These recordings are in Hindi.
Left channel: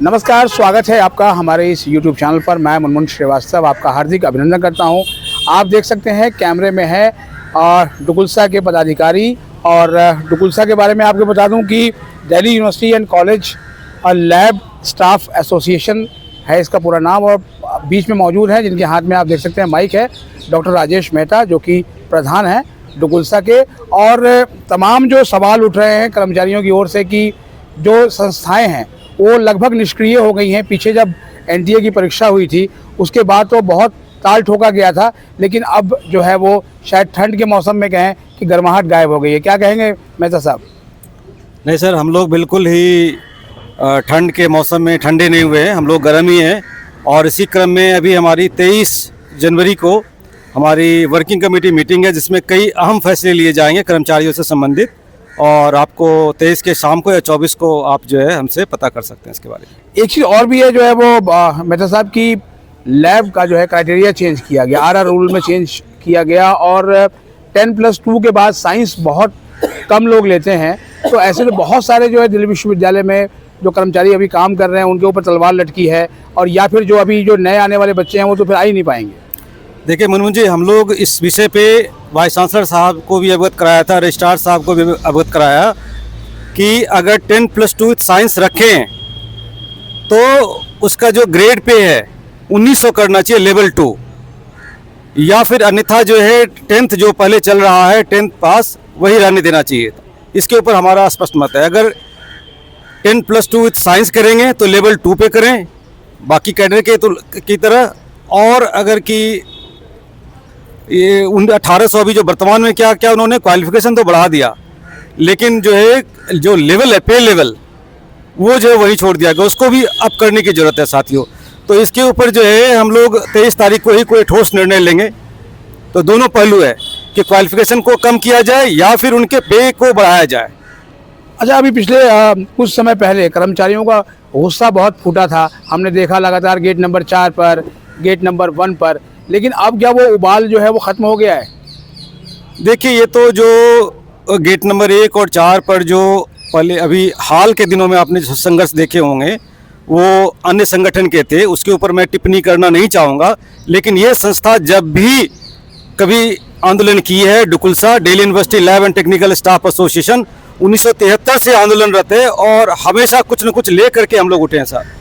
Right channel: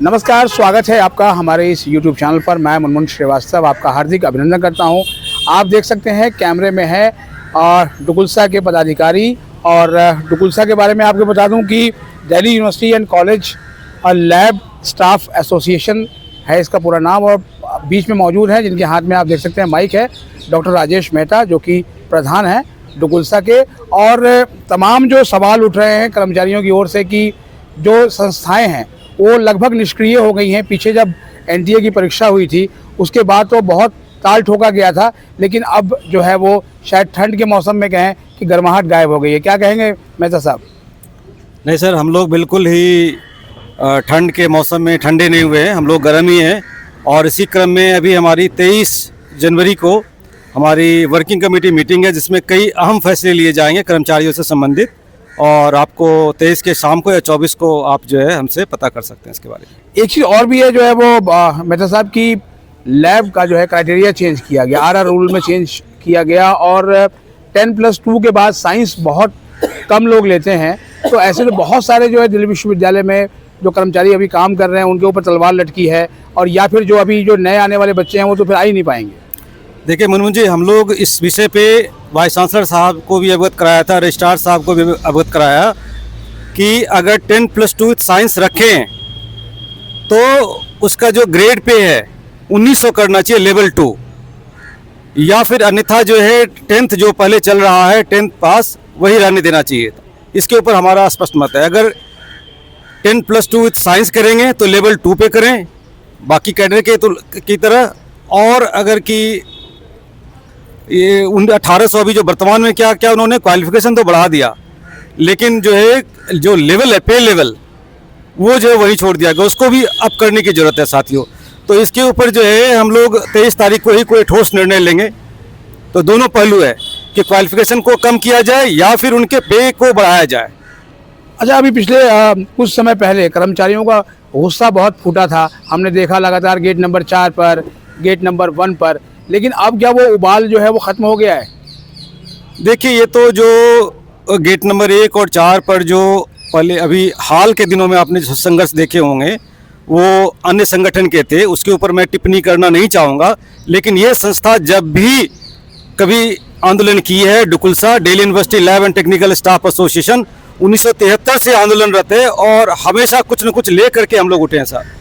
नमस्कार, स्वागत है आपका हमारे इस YouTube चैनल पर। मैं मुनमुन श्रीवास्तव आपका हार्दिक अभिनंदन करता हूं। आप देख सकते हैं कैमरे में है डुकुल्सा के पदाधिकारी। और डुकुल्सा के बारे में आपको बता दूं कि Delhi university and college lab staff association है इसका पूरा नाम। और बीच में मौजूद है, जिनके हाथ में आप देख सकते हैं माइक है, डॉक्टर राजेश मेहता, जो कि प्रधान है डुकुल्सा के। और तमाम जो सवाल उठ रहे हैं कर्मचारियों की ओर से कि जो संस्थाएं हैं वो लगभग निष्क्रिय हो गई हैं। पीछे जब एनटीए की परीक्षा हुई थी उसके बाद तो बहुत ताल ठोका गया था, लेकिन अब जो है वो शायद ठंड के मौसम में कहें कि गर्माहट गायब हो गई है। क्या कहेंगे मेहता साहब? नहीं सर, हम लोग बिल्कुल ही ठंड के मौसम में ठंडे नहीं हुए हैं, हम लोग गर्म ही हैं। और इसी क्रम में अभी हमारी 23 जनवरी को हमारी वर्किंग कमेटी मीटिंग है, जिसमें कई अहम फैसले लिए जाएंगे कर्मचारियों से संबंधित। और आपको 23 के शाम को या 24 को आप जो है हमसे पता कर सकते हैं इसके बारे में। एक चीज़ और भी है, जो है वो मेहता साहब की लैब का जो है क्राइटेरिया चेंज किया गया, आरआर रूल में चेंज किया गया। और 10+2 के बाद साइंस बहुत कम लोग लेते हैं, तो ऐसे तो बहुत सारे जो है दिल्ली विश्वविद्यालय में जो कर्मचारी अभी काम कर रहे हैं उनके ऊपर तलवार लटकी है। और या फिर जो अभी जो नए आने वाले बच्चे हैं वो तो फिर आ ही नहीं पाएंगे। देखिए मुनमुन जी, हम लोग इस विषय पे वाइस चांसलर साहब को भी अवगत कराया था, रजिस्ट्रार साहब को भी अवगत कराया कि अगर 10+2 साइंस रखें तो उसका जो ग्रेड पे है 1900 करना चाहिए, लेवल 2। या फिर अन्यथा जो है 10th जो पहले चल रहा है 10th पास वही रहने देना चाहिए। इसके ऊपर हमारा स्पष्ट मत है। अगर 10+2 साइंस करेंगे तो लेवल 2 पे करें बाकी कैडर के तो की तरह। और अगर कि ये 1800 अभी जो वर्तमान में क्या क्या उन्होंने क्वालिफिकेशन तो बढ़ा दिया, लेकिन जो है जो लेवल है पे लेवल वो जो है वही छोड़ दिया गया, उसको भी अप करने की ज़रूरत है साथियों। तो इसके ऊपर जो है हम लोग 23 तारीख को ही कोई ठोस निर्णय लेंगे। तो दोनों पहलू है कि क्वालिफिकेशन को कम किया जाए या फिर उनके पे को बढ़ाया जाए। अच्छा, अभी पिछले कुछ समय पहले कर्मचारियों का गुस्सा बहुत फूटा था, हमने देखा लगातार गेट नंबर 4 पर, गेट नंबर 1 पर। लेकिन अब क्या वो उबाल जो है वो ख़त्म हो गया है? देखिए, ये तो जो गेट नंबर 1 और 4 पर जो पहले अभी हाल के दिनों में आपने जो संघर्ष देखे होंगे वो अन्य संगठन के थे, उसके ऊपर मैं टिप्पणी करना नहीं चाहूँगा। लेकिन ये संस्था जब भी कभी आंदोलन की है, DUCULSA Delhi university lab and technical staff association 1973 से आंदोलनरत है और हमेशा कुछ न कुछ ले करके हम लोग उठे हैं सर।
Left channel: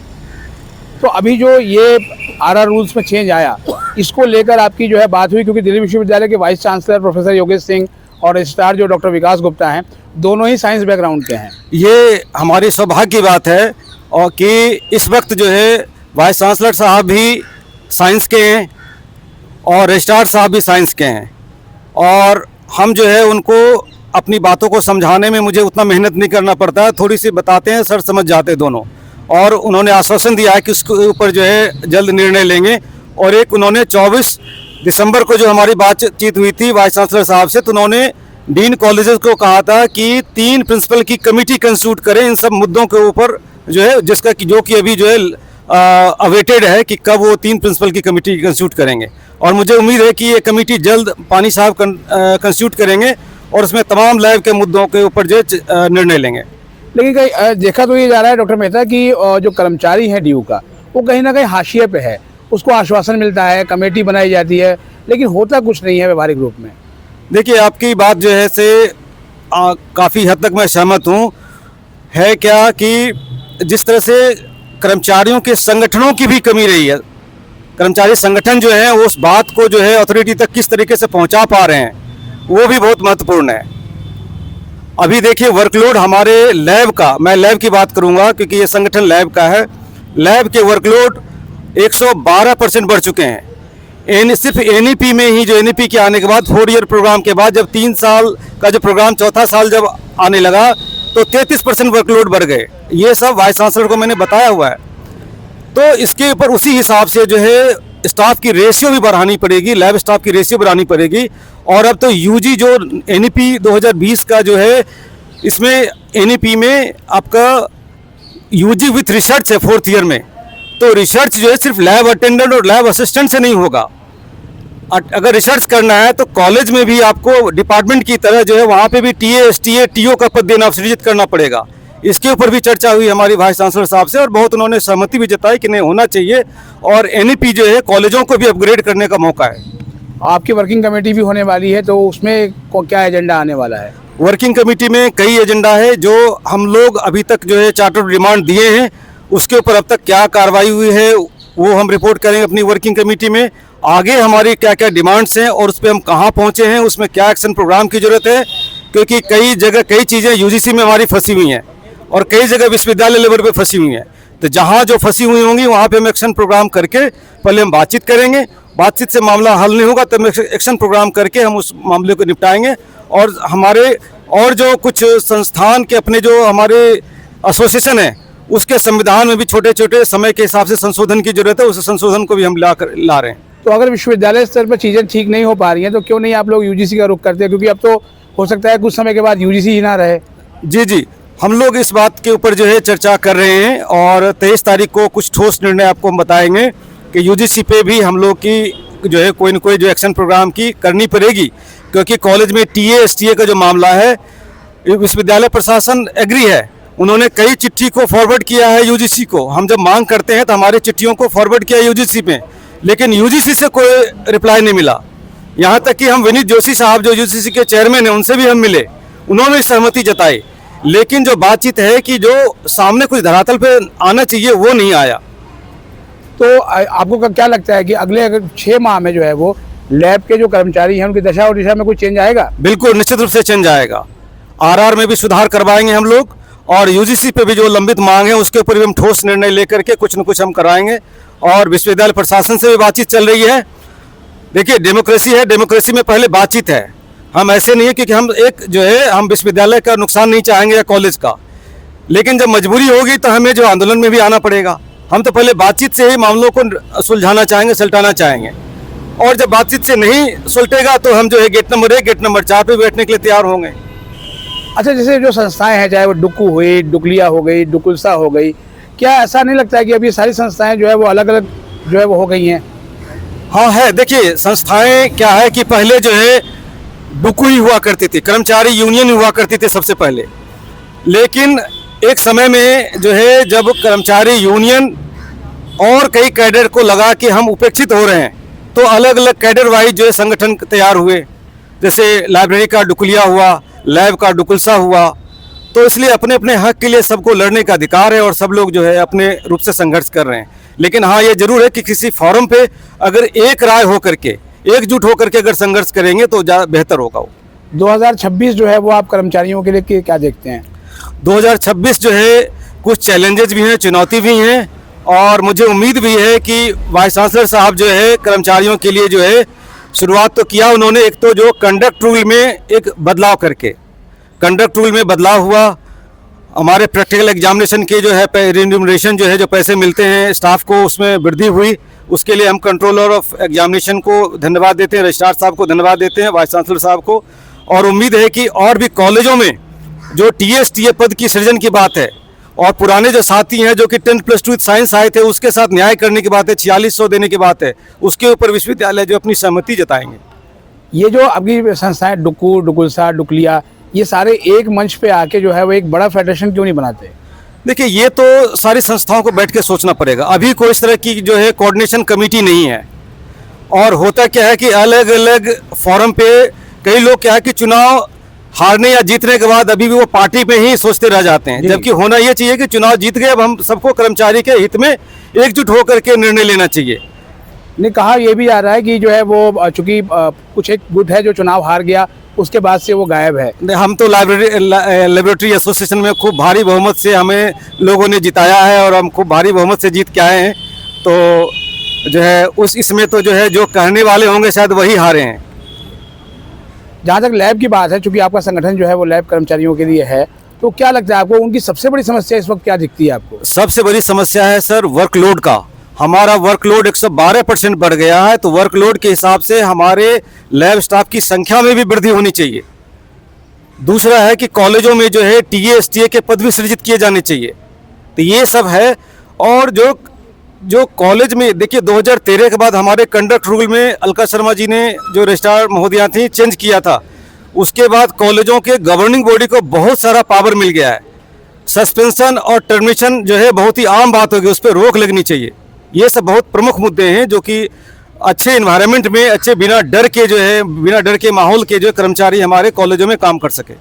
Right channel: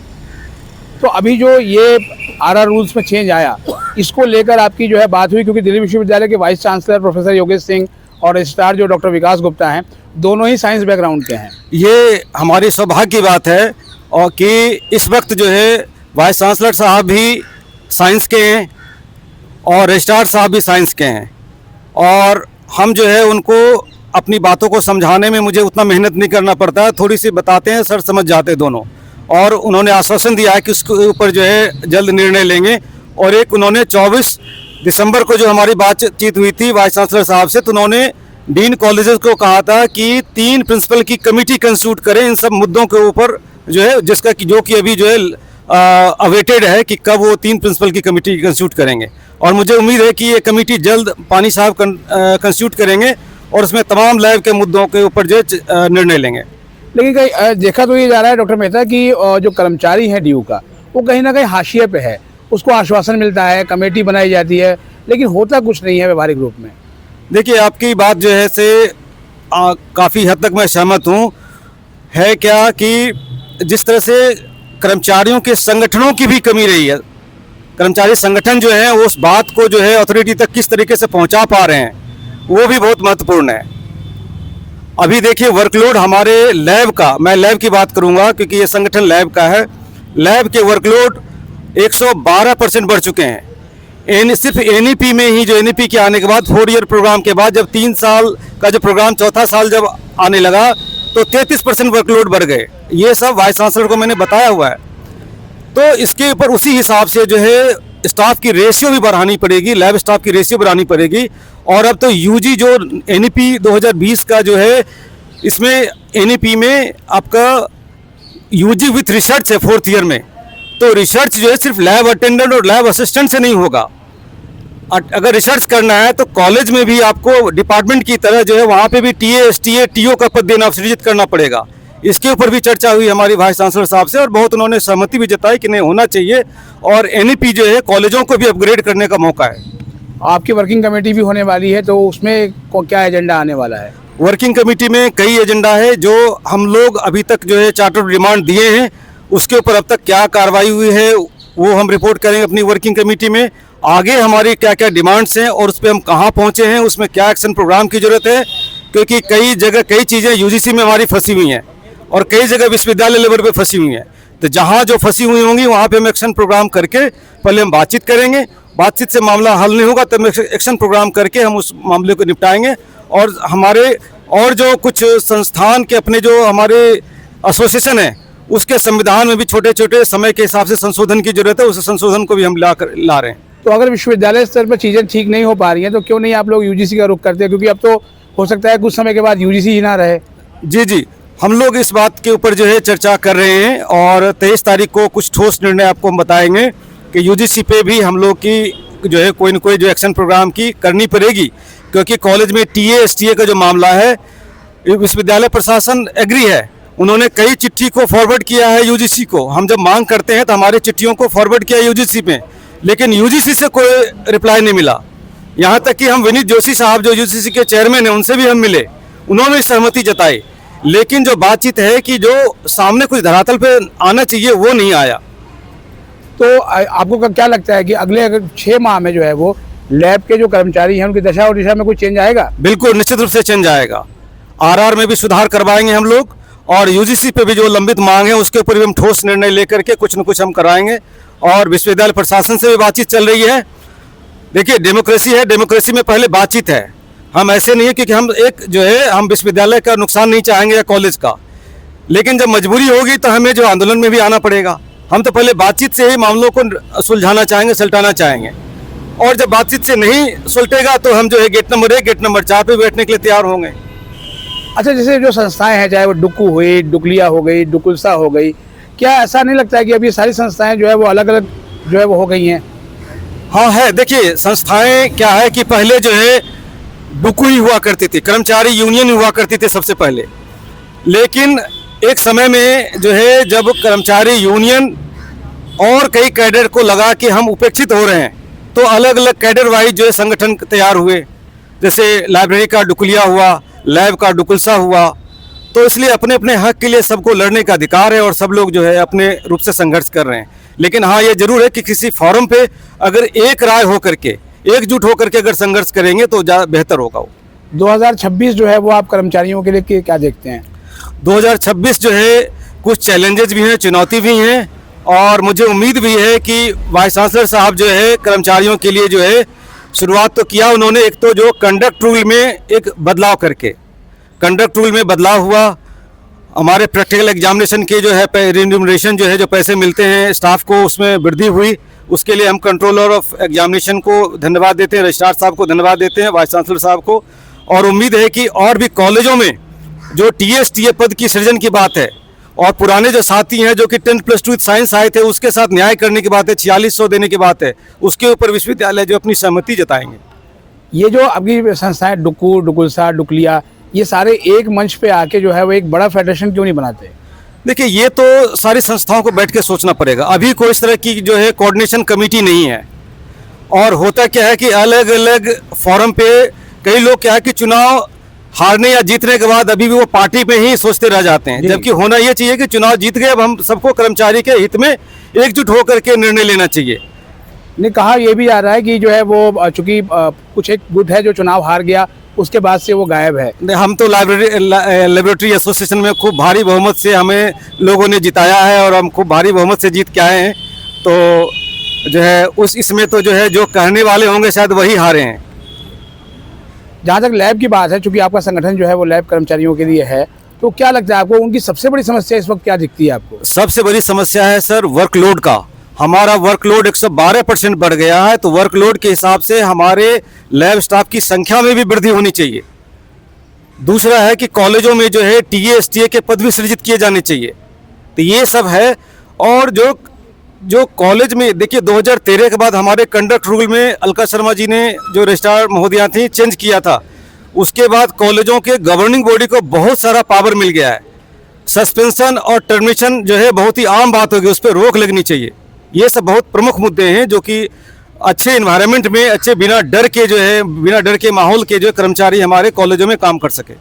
तो अभी जो ये आरआर रूल्स में चेंज आया, इसको लेकर आपकी जो है बात हुई? क्योंकि दिल्ली विश्वविद्यालय के vice chancellor professor Yogesh Singh और रजिस्ट्रार जो डॉक्टर विकास गुप्ता हैं, दोनों ही साइंस बैकग्राउंड के हैं। ये हमारी सौभाग्य की बात है और कि इस वक्त जो है वाइस चांसलर साहब भी साइंस के हैं और रजिस्ट्रार साहब भी साइंस के हैं। और हम जो है उनको अपनी बातों को समझाने में मुझे उतना मेहनत नहीं करना पड़ता है, थोड़ी सी बताते हैं, सर समझ जाते दोनों। और उन्होंने आश्वासन दिया है कि उसके ऊपर जो है जल्द निर्णय लेंगे। और एक उन्होंने 24 दिसंबर को जो हमारी बातचीत हुई थी वाइस चांसलर साहब से, तो उन्होंने डीन कॉलेजेस को कहा था कि 3 प्रिंसिपल की कमेटी कंस्टिट्यूट करें इन सब मुद्दों के ऊपर जो है, जिसका कि जो कि अभी जो है अवेटेड है कि कब वो 3 प्रिंसिपल की कमेटी कंस्टिट्यूट करेंगे। और मुझे उम्मीद है कि ये कमेटी जल्द पानी साहब कंस्टिट्यूट करेंगे और उसमें तमाम लैब के मुद्दों के ऊपर जो निर्णय लेंगे। लेकिन कहीं देखा तो ये जा रहा है डॉक्टर मेहता कि जो कर्मचारी है डीयू का, वो कहीं ना कहीं हाशिए पे है। उसको आश्वासन मिलता है, कमेटी बनाई जाती है, लेकिन होता कुछ नहीं है व्यवहारिक रूप में। देखिए, आपकी बात जो है से काफ़ी हद तक मैं सहमत हूँ। है क्या कि जिस तरह से कर्मचारियों के संगठनों की भी कमी रही है, कर्मचारी संगठन जो है उस बात को जो है अथॉरिटी तक किस तरीके से पहुँचा पा रहे हैं, वो भी बहुत महत्वपूर्ण है। अभी देखिए वर्कलोड हमारे लैब का, मैं लैब की बात करूंगा क्योंकि ये संगठन लैब का है, लैब के वर्कलोड 112% बढ़ चुके हैं। सिर्फ एनईपी में ही, जो एनईपी के आने के बाद 4 ईयर प्रोग्राम के बाद जब 3 साल का जो प्रोग्राम, चौथा साल जब आने लगा तो 33% वर्कलोड बढ़ गए। ये सब वाइस चांसलर को मैंने बताया हुआ है। तो इसके ऊपर उसी हिसाब से जो है स्टाफ की रेशियो भी बढ़ानी पड़ेगी, लैब स्टाफ की रेशियो बढ़ानी पड़ेगी। और अब तो यूजी जो एनईपी 2020 का जो है, इसमें एनईपी में आपका यूजी विथ रिसर्च है 4th ईयर में। तो रिसर्च जो है सिर्फ लैब अटेंडेंट और लैब असिस्टेंट से नहीं होगा। अगर रिसर्च करना है तो कॉलेज में भी आपको डिपार्टमेंट की तरह जो है वहाँ पे भी टीए, एसटीए, टीओ का पद देना सृजित करना पड़ेगा। इसके ऊपर भी चर्चा हुई हमारी वाइस चांसलर साहब से, और बहुत उन्होंने सहमति भी जताई कि नहीं होना चाहिए, और एनईपी जो है कॉलेजों को भी अपग्रेड करने का मौका है। आपकी वर्किंग कमेटी भी होने वाली है, तो उसमें क्या एजेंडा आने वाला है? वर्किंग कमेटी में कई एजेंडा है जो हम लोग अभी तक जो है चार्टर डिमांड दिए हैं, उसके ऊपर अब तक क्या कार्रवाई हुई है वो हम रिपोर्ट करेंगे अपनी वर्किंग कमेटी में। आगे हमारी क्या क्या डिमांड्स हैं और उस पर हम कहाँ पहुँचे हैं, उसमें क्या एक्शन प्रोग्राम की ज़रूरत है, क्योंकि कई जगह कई चीज़ें यूजीसी में हमारी फंसी हुई हैं और कई जगह विश्वविद्यालय लेवल पे फंसी हुई हैं। तो जहाँ जो फंसी हुई होंगी वहाँ पे हम एक्शन प्रोग्राम करके पहले हम बातचीत करेंगे, बातचीत से मामला हल नहीं होगा तब एक्शन प्रोग्राम करके हम उस मामले को निपटाएंगे। और हमारे और जो कुछ संस्थान के अपने जो हमारे एसोसिएशन है उसके संविधान में भी छोटे छोटे समय के हिसाब से संशोधन की जरूरत है, उस संशोधन को भी हम ला रहे हैं। तो अगर विश्वविद्यालय स्तर पर चीज़ें ठीक नहीं हो पा रही हैं तो क्यों नहीं आप लोग यूजीसी का रुख करते हैं? क्योंकि अब तो हो सकता है कुछ समय के बाद यूजीसी ही ना रहे। जी, हम लोग इस बात के ऊपर जो है चर्चा कर रहे हैं और 23 तारीख को कुछ ठोस निर्णय आपको हम बताएंगे कि यूजीसी पे भी हम लोग की जो है कोई न कोई जो एक्शन प्रोग्राम की करनी पड़ेगी, क्योंकि कॉलेज में टीए एसटीए का जो मामला है विश्वविद्यालय प्रशासन एग्री है, उन्होंने कई चिट्ठी को फॉरवर्ड किया है यूजीसी को। हम जब मांग करते हैं तो हमारे चिट्ठियों को फॉरवर्ड किया यूजीसी पे, लेकिन यूजीसी से कोई रिप्लाई नहीं मिला। यहाँ तक कि हम विनीत जोशी साहब जो यूजीसी के चेयरमैन हैं उनसे भी हम मिले, उन्होंने सहमति जताई, लेकिन जो बातचीत है कि जो सामने कुछ धरातल पे आना चाहिए वो नहीं आया। तो आपको क्या लगता है कि अगले अगर 6 माह में जो है वो लैब के जो कर्मचारी हैं उनकी दशा और दिशा में कोई चेंज आएगा? बिल्कुल निश्चित रूप से चेंज आएगा। आरआर में भी सुधार करवाएंगे हम लोग, और यूजीसी पे भी जो लंबित मांग है उसके ऊपर भी हम ठोस निर्णय लेकर के कुछ न कुछ हम कराएंगे। और विश्वविद्यालय प्रशासन से भी बातचीत चल रही है। देखिए डेमोक्रेसी है, डेमोक्रेसी में पहले बातचीत है। हम ऐसे नहीं है क्योंकि हम एक जो है हम विश्वविद्यालय का नुकसान नहीं चाहेंगे या कॉलेज का, लेकिन जब मजबूरी होगी तो हमें जो आंदोलन में भी आना पड़ेगा। हम तो पहले बातचीत से ही मामलों को सुलझाना चाहेंगे, सुलटाना चाहेंगे, और जब बातचीत से नहीं सुलटेगा तो हम जो है गेट नंबर 1 गेट नंबर 4 पे बैठने के लिए तैयार होंगे। अच्छा, जैसे जो संस्थाएं हैं, चाहे वो डुक्कू हुई, डुकलिया हो गई, डुकुलसा हो गई, क्या ऐसा नहीं लगता है कि अभी ये सारी संस्थाएं जो है वो अलग अलग जो है वो हो गई हैं? हाँ है, देखिए संस्थाएं क्या है कि पहले जो है डुक्कू ही हुआ करती थी, कर्मचारी यूनियन हुआ करती थी सबसे पहले, लेकिन एक समय में जो है जब कर्मचारी यूनियन और कई कैडर को लगा कि हम उपेक्षित हो रहे हैं, तो अलग अलग कैडर वाइज जो है संगठन तैयार हुए। जैसे लाइब्रेरी का डुकलिया हुआ, लैब का डुकुलसा हुआ। तो इसलिए अपने अपने हक के लिए सबको लड़ने का अधिकार है और सब लोग जो है अपने रूप से संघर्ष कर रहे हैं। लेकिन हाँ, ये जरूर है कि किसी फोरम पे अगर एक राय होकर के, एकजुट होकर के अगर संघर्ष करेंगे तो ज़्यादा बेहतर होगा। 2026 जो है वो आप कर्मचारियों के लिए क्या देखते हैं? 2026 जो है कुछ चैलेंजेस भी हैं, चुनौती भी हैं, और मुझे उम्मीद भी है कि वाइस चांसलर साहब जो है कर्मचारियों के लिए जो है शुरुआत तो किया उन्होंने। एक तो जो कंडक्ट रूल में एक बदलाव करके, कंडक्ट रूल में बदलाव हुआ, हमारे प्रैक्टिकल एग्जामिनेशन के जो है रिम्यूनरेशन जो है जो पैसे मिलते हैं स्टाफ को उसमें वृद्धि हुई। उसके लिए हम कंट्रोलर ऑफ एग्जामिनेशन को धन्यवाद देते हैं, रजिस्ट्रार साहब को धन्यवाद देते हैं, वाइस चांसलर साहब को। और उम्मीद है कि और भी कॉलेजों में जो टीए पद की सृजन की बात है, और पुराने जो साथी हैं जो कि 10+2 साइंस आए थे उसके साथ न्याय करने की बात है, 4600 देने की बात है, उसके ऊपर विश्वविद्यालय जो अपनी सहमति जताएंगे। ये जो अभी संस्थाएं डुक्कू, डुकुलसा, डुकलिया, ये सारे एक मंच पे आके जो है वो एक बड़ा फेडरेशन क्यों नहीं बनाते? देखिए ये तो सारी संस्थाओं को बैठ के सोचना पड़ेगा। अभी कोई इस तरह की जो है कोऑर्डिनेशन कमेटी नहीं है, और होता क्या है कि अलग अलग फोरम पे कई लोग क्या है कि चुनाव हारने या जीतने के बाद अभी भी वो पार्टी पे ही सोचते रह जाते हैं, जबकि होना ये चाहिए कि चुनाव जीत गए, अब हम सबको कर्मचारी के हित में एकजुट होकर के निर्णय लेना चाहिए। ने कहा यह भी आ रहा है कि जो है वो चूंकि कुछ एक गुट है जो चुनाव हार गया उसके बाद से वो गायब है। हम तो लेबोरेटरी एसोसिएशन में खूब भारी बहुमत से हमें लोगों ने जिताया है और हम खूब भारी बहुमत से जीत के आए हैं, तो जो है उस इसमें तो जो है जो कहने वाले होंगे शायद वही हारे हैं। जहाँ तक लैब की बात है, चूंकि आपका संगठन जो है वो लैब कर्मचारियों के लिए है, तो क्या लगता है आपको उनकी सबसे बड़ी समस्या इस वक्त क्या दिखती है आपको? सबसे बड़ी समस्या है सर वर्कलोड का। हमारा वर्कलोड 112% बढ़ गया है, तो वर्कलोड के हिसाब से हमारे लैब स्टाफ की संख्या में भी वृद्धि होनी चाहिए। दूसरा है कि कॉलेजों में जो है टीए एसटीए के पद भी सृजित किए जाने चाहिए, तो ये सब है। और जो कॉलेज में देखिए 2013 के बाद हमारे कंडक्ट रूल में अलका शर्मा जी ने जो रजिस्ट्रार महोदया थी चेंज किया था, उसके बाद कॉलेजों के गवर्निंग बॉडी को बहुत सारा पावर मिल गया है। सस्पेंशन और टर्मिनेशन जो है बहुत ही आम बात होगी, उस पर रोक लगनी चाहिए। ये सब बहुत प्रमुख मुद्दे हैं जो कि अच्छे इन्वायरमेंट में, अच्छे बिना डर के जो है, बिना डर के माहौल के जो कर्मचारी हमारे कॉलेजों में काम कर सके।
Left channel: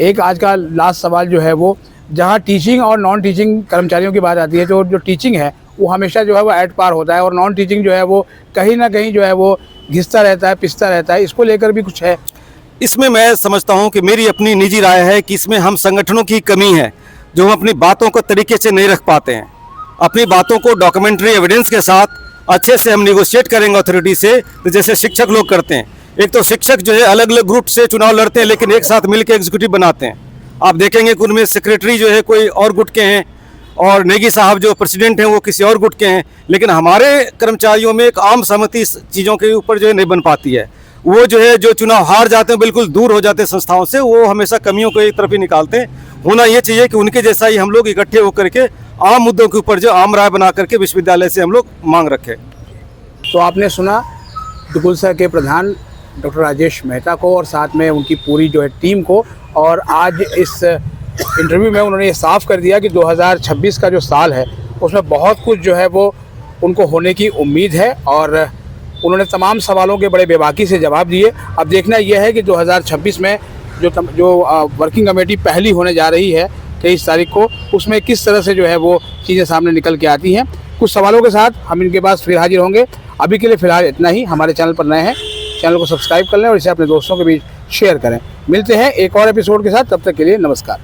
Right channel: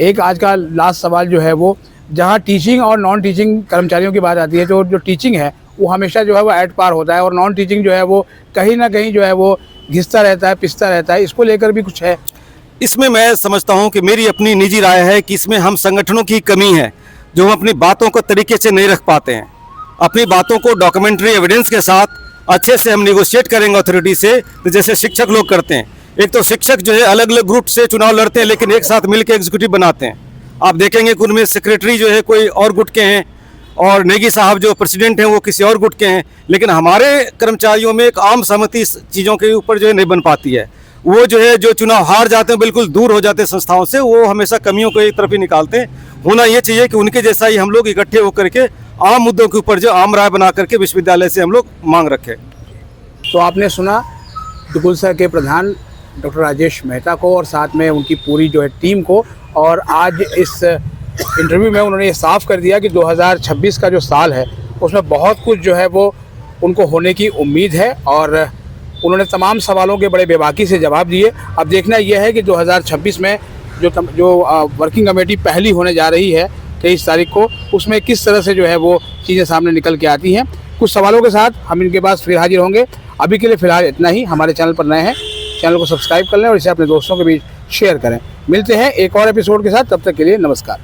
एक आज का लास्ट सवाल जो है वो, जहाँ टीचिंग और नॉन टीचिंग कर्मचारियों की बात आती है, जो टीचिंग है वो हमेशा जो है वो एट पार होता है, और नॉन टीचिंग जो है वो कहीं ना कहीं जो है वो घिसता रहता है, पिसता रहता है। इसको लेकर भी कुछ है? इसमें मैं समझता हूं कि मेरी अपनी निजी राय है कि इसमें हम संगठनों की कमी है, जो हम अपनी बातों को तरीके से नहीं रख पाते हैं। अपनी बातों को डॉक्यूमेंट्री एविडेंस के साथ अच्छे से हम निगोशिएट करेंगे अथॉरिटी से, तो जैसे शिक्षक लोग करते हैं। एक तो शिक्षक जो है अलग अलग ग्रुप से चुनाव लड़ते हैं, लेकिन एक साथ मिलकर एग्जीक्यूटिव बनाते हैं। आप देखेंगे कि उनमें सेक्रेटरी जो है कोई और गुट के हैं, और नेगी साहब जो प्रेसिडेंट हैं वो किसी और गुट के हैं। लेकिन हमारे कर्मचारियों में एक आम सहमति चीज़ों के ऊपर जो है नहीं बन पाती है। वो जो है जो चुनाव हार जाते हैं, बिल्कुल दूर हो जाते हैं संस्थाओं से, वो हमेशा कमियों को एक तरफ ही निकालते हैं। होना ये चाहिए कि उनके जैसा ही हम लोग इकट्ठे होकर के आम मुद्दों के ऊपर जो आम राय बना करके विश्वविद्यालय से हम लोग मांग रखें। तो आपने सुना दुगुलसा के प्रधान डॉक्टर राजेश मेहता को, और साथ में उनकी पूरी जो है टीम को। और आज इस इंटरव्यू में उन्होंने ये साफ कर दिया कि 2026 का जो साल है उसमें बहुत कुछ जो है वो उनको होने की उम्मीद है, और उन्होंने तमाम सवालों के बड़े बेबाकी से जवाब दिए। अब देखना यह है कि 2026 में जो वर्किंग कमेटी पहली होने जा रही है 23 तारीख को, उसमें किस तरह से जो है वो चीज़ें सामने निकल के आती हैं। कुछ सवालों के साथ हम इनके पास फिर हाजिर होंगे। अभी के लिए फ़िलहाल इतना ही। हमारे चैनल पर नए हैं, चैनल को सब्सक्राइब कर लें और इसे अपने दोस्तों के बीच शेयर करें। मिलते हैं एक और एपिसोड के साथ, तब तक के लिए नमस्कार।